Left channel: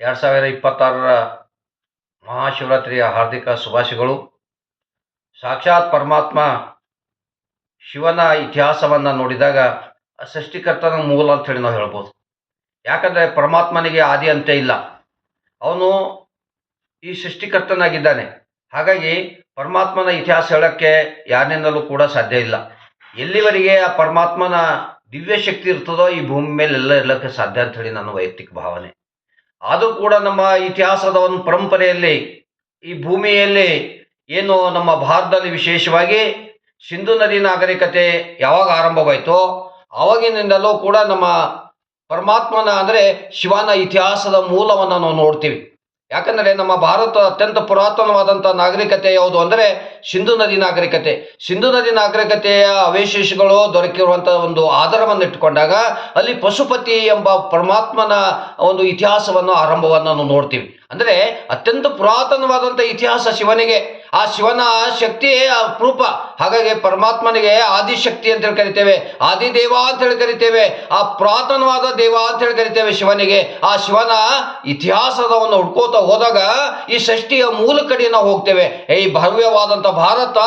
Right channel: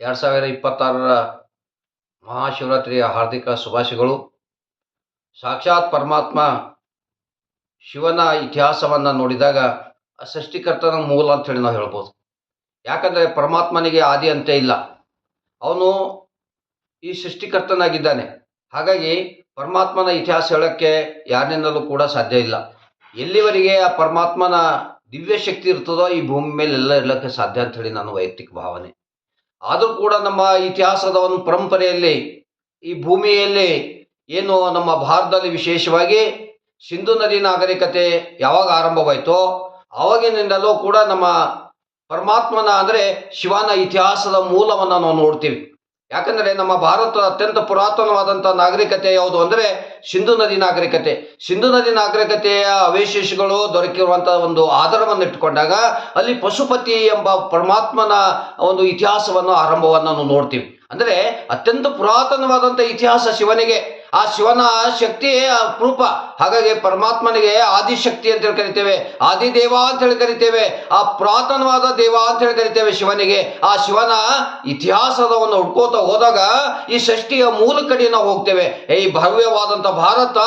2026ರ ಮಹಾಶಿವರಾತ್ರಿಯ ಹಾರ್ದಿಕ ಶುಭಾಶಯಗಳು. ಸಾಕ್ಷಾತ್ ಪರಮಾತ್ಮ ಶಿವನ ಇತಿಹಾಸವನ್ನು ನೋಡಿದಾಗ ಸೃಷ್ಟಿಕರ್ತನ ಮೂಲ ಅಂತ ಹೇಳಿ ನಾವು ಹೇಳ್ಬೋದು. ಯಾಕಂದರೆ ಪರಮಾತ್ಮನಿಗೆ ಆದಿ ಅಂತ್ಯ ಇಲ್ಲ, ಅವನು ಈ ಸೃಷ್ಟಿಕರ್ತನಾಗಿದ್ದಾನೆ. ಹಾಗಾಗಿ ಪರಮಾತ್ಮನ ಇತಿಹಾಸ ಹೇಳೋಕ್ಕೆ ಯಾರಿನಿಂದಲೂ ಕೂಡ ಸಾಧ್ಯ ಇಲ್ಲ. ಎಲ್ಲಿವರೆಗೆ ಆ ಪರಮಾತ್ಮನ ದಿವ್ಯ ಶಕ್ತಿ ಇರ್ತದೋ ಈ ಭೂಮಿ ಮೇಲೆ ಎಲ್ಲ ಇರಲಿಕ್ಕೆ ಸಾಧ್ಯ ಅಂತ ಹೇಳಿ ನನ್ನ ವೈಯಕ್ತಿಕ ಭಾವನೆ. ಆದರೂ ಕೂಡ ನಮ್ಮ ಇತಿಹಾಸದ ಒಂದು ಪರಂಪರೆಯಲ್ಲಿ ಈ ಭೂಮಿಯಲ್ಲಿ ಏನು ನಮ್ಮ ಭಾರತದಲ್ಲಿ ವಿಶೇಷವಾಗಿ ಸಿಂಧು ನದಿ ನಾಗರಿಕತೆ ಯಾವಾಗ ಆರಂಭವಾಯಿತೋ ಆವಾಗಿನಿಂದಲೂ ಕೂಡ ನಮ್ಮ ಪರಮಾತ್ಮನ ಅಂದರೆ ಶಿವನ ಇತಿಹಾಸದ ಮೂಲವನ್ನು ನಾವು ನೋಡ್ತೀವಿ. ಯಾಕಂದರೆ ನಮ್ಮ ಭಾರತ ಅತ್ಯಂತ ಪುರಾತನವಾದಂಥ ನಾಗರಿಕತೆ ಯಾವುದು ಅಂದರೆ ಸಿಂಧು ನದಿ ನಾಗರಿಕತೆ. ಸಿಂಧು ನದಿ ನಾಗರಿಕತೆಯ ಅವಶೇಷಗಳು ದೊರಕಿರುವಂಥ ಒಂದು ಆಧಾರವನ್ನು ಇಟ್ಟುಕೊಂಡಾಗ ಅಲ್ಲಿ ಪಶುಪತಿ ಎಂಬ ಪರಮಾತ್ಮನ ಒಂದು ಇತಿಹಾಸವನ್ನು ಆರಂಭವನ್ನು ನಾವು ನೋಡ್ತೀವಿ. ಅಂದರೆ ಅತ್ಯಂತ ಪುರಾತನವಾದಂಥ ಇತಿಹಾಸ ಶಿವನಿಗೆ. ಆ ಶಿವನ ಶಕ್ತಿಯೇ ಅಪರೂಪ. ಹಾಗಾಗಿ ಪರಮಾತ್ಮನಿಗೆ ಆದಿಶಕ್ತಿ ಅಂತೇಳಿ ಕರಿತೇವೆ, ಆದಿದೇವ ಅಂತೇಳಿ ಕರಿತೇವೆ, ಆ ಪುರಾತನವಾದ ದೇವ ಅಂತೇಳಿ ಕರಿತೇವೆ ಶಿವನಿಗೆ. ಆ ಶಿವನ ಇತಿಹಾಸದವನ್ನು ಹುಡ್ಕೋತಾ ಹೋದಾಗ ಈ ಷಷ್ಠಿಯ ಮೂಲ ಕಡೆ ನಾವು ಹೋಗ್ತೇವೆ. ಈ ಭವ್ಯವಾದಂಥ ಭಾರತ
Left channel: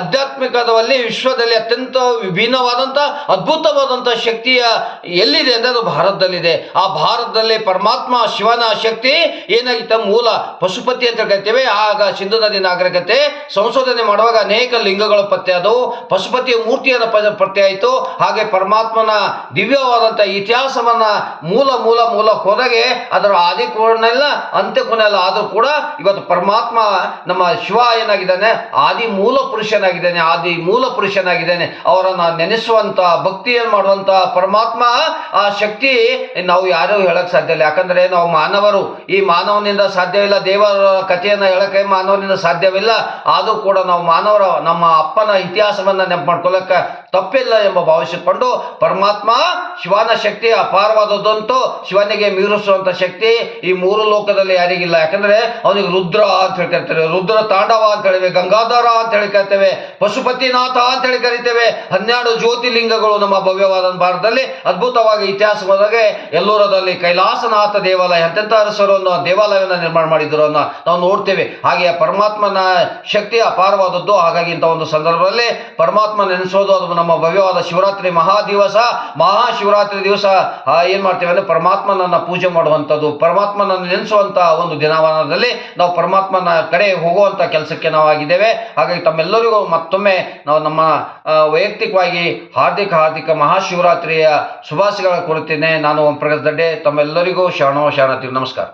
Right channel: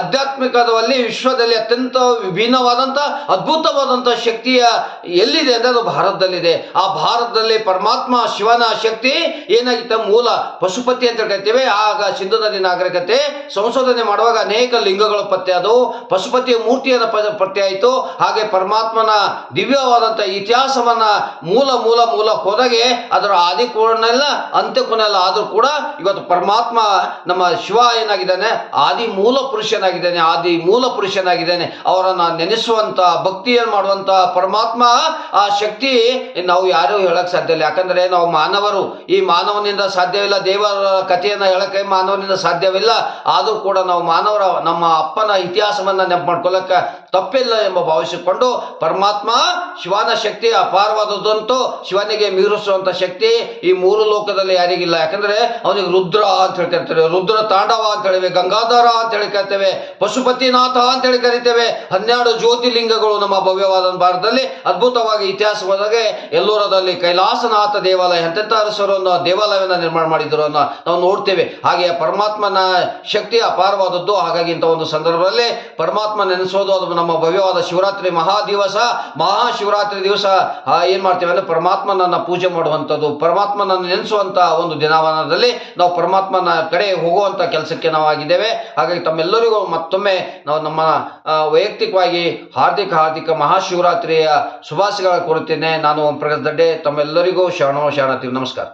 ಆಧ್ಯಾತ್ಮಿಕದಲ್ಲಿ ವಿಶ್ವದಲ್ಲಿ ಅತ್ಯಂತ ವಿಭಿನ್ನವಾದಂಥ ಅದ್ಭುತವಾದಂಥ ಶಕ್ತಿಯ ಎಲ್ಲಿದೆ ಅಂದರೆ ಅದು ಭಾರತದಲ್ಲಿದೆ. ಆ ಭಾರತದಲ್ಲಿ ಪರಮಾತ್ಮ ಶಿವನ ಶಕ್ತಿ ಏನಾಗಿತ್ತು, ಮೂಲ ಪಶುಪತಿ ಅಂತ ಕರಿತೇವೆ. ಆಗ ಸಿಂಧು ನದಿ ನಾಗರಿಕತೆ ಸಂಶೋಧನೆ ಮಾಡುವಾಗ ಅನೇಕ ಲಿಂಗಗಳು ಪತ್ತೆ ಆದವು, ಪಶುಪತಿಯ ಮೂರ್ತಿಯನ್ನು ಪತ್ತೆ ಆಯಿತು. ಹಾಗೆ ಪರಮಾತ್ಮನ ದಿವ್ಯವಾದಂಥ ಇತಿಹಾಸವನ್ನ ಮೂಲ ಮೂಲ ಮೂಲ ಹೋದಾಗೆ ಅದರ ಆದಿ ಕೋಣೆಲ್ಲ ಅಂತ್ಯ ಕೊನೆಲ್ಲ. ಆದರೂ ಕೂಡ ಇವತ್ತು ಪರಮಾತ್ಮ ನಮ್ಮ ಶಿವ ಏನಾಗಿದ್ದಾನೆ, ಆದಿ ಮೂಲ ಪುರುಷನಾಗಿದ್ದಾನೆ, ಆದಿ ಮೂಲ ಪುರುಷನಾಗಿದ್ದಾನೆ. ಅವರನ್ನು ನೆನೆಸುವಂಥ ಭಕ್ತಿಯನ್ನು ಮಾಡುವಂಥ ಪರಮಾತ್ಮ ಆ ಶಕ್ತಿ ನಾವು ಯಾರೂ ಹೇಳಕ್ ಸಾಧ್ಯ ಇಲ್ಲ. ಯಾಕಂದರೆ ನಾವು ಮಾನವರು, ಈ ಮಾನವನಿಂದ ಸಾಧ್ಯವಿಲ್ಲ. ದೇವರ ಕಥೆಯನ್ನು ಹೇಳಕ್ಕೆ ಮಾನವನಿಂದ ಸಾಧ್ಯವಿಲ್ಲ. ಆದರೂ ಕೂಡ ನಾವು ಮಾನವರ ನಮ್ಮ ಅಪ್ಪನ ಇತಿಹಾಸವನ್ನು ನೆನಪು ಮಾಡ್ಕೊಳ್ಳಕ್ಕೆ ತಪ್ಪಿಲ್ಲ ಎಂಬ ಭಾವಿಸಿಕೊಂಡು ಪರಮಾತ್ಮ ಶಿವನ ಶಕ್ತಿ ಅಪಾರವಾದದ್ದಂತೂ ಶಿವನಿಗೆ ಮೀರಿಸುವಂಥ ಶಕ್ತಿ ಈ ಮೂರು ಲೋಕದಲ್ಲಿ ಯಾರಿಗಿಲ್ಲ. ಯಾಕಂದರೆ ಅವನಿಗೆ ರುದ್ರ ಅಂತ ಹೇಳಿ ಕರಿತೇವೆ, ರುದ್ರ ತಾಂಡವ ಅಂತ ಹೇಳಿವೆ, ಗಂಗಾಧರ ಅಂತ ಹೇಳಿ ಕರಿತೇವೆ, ಪಶುಪತಿನಾಥ ಅಂತ ಹೇಳಿ ಕರಿತೇವೆ. 12 ಜ್ಯೋತಿರ್ಲಿಂಗಗಳು ನಮ್ಮ ಭವ್ಯವಾದ ಭಾರತದಲ್ಲಿ ಅದ್ಭುತವಾಗಿ ಇತಿಹಾಸವಾದಾಗ ಎಲ್ಲೂರದಲ್ಲಿ ಕೈಲಾಸನಾಥ ದೇವಾಲಯ ಎಂತೆಂಥ ಅರಸರನ್ನು ದೇವಾಲಯವನ್ನು ನಿರ್ಮಾಣ ಮಾಡಿದ್ರು ಅನ್ನೋ ನಾವು ನೋಡ್ತೇವೆ. ಹಾಗೆ ಪರಮಾತ್ಮನ ಶಕ್ತಿ ಅಪಾರವಾದದ್ದು. ಹಾಗಾಗಿ ಇಂಥ ಒಂದು ಸಂದರ್ಭದಲ್ಲಿ ಪರಮಾತ್ಮ ನೆನೆಸೋದು ಅದು ನಮ್ಮ ಭವ್ಯವಾದ ಶಿವರಾತ್ರಿ ಮಹಾಶಿವರಾತ್ರಿ ದಿವಸ ಏನು ಮಾಡ್ತೇವೆ ಅಂದರೆ ಪರಮಾತ್ಮನನ್ನು ಪೂಜೆ ಮಾಡುವಂಥದ್ದು, ಪರಮಾತ್ಮನನ್ನು ನೆನೆಸುವಂಥ ಒಂದು ದಿನವನದಲ್ಲಿ ನಾವು ಪರಮಾತ್ಮನ ಕಡೆ ಹೋಗುವಂಥ ಕೆಲಸಕ್ಕೆ ನಾವು ಆಗಿದ್ದೇವೆ. ಹಾಗಾಗಿ ತಮ್ಮೆಲ್ಲರಿಗೂ ಮತ್ತೊಮ್ಮೆ ನಾವು ನಮ್ಮ ವೈಯಕ್ತಿಕವಾಗಿ ಹಾರ್ದಿಕ ಮಹಾಶಿವರಾತ್ರಿಯ ಶುಭಾಶಯಗಳನ್ನು ಕೋರುತ್ತೇನೆ. ನಾನು ಪ್ರಕಾಶ್ ದಡ್ಡೆ, ತಮ್ಮೆಲ್ಲರಿಗೂ ಶರಣೋ ಶರಣಾರ್ಥಿ. ನಮಸ್ಕಾರ.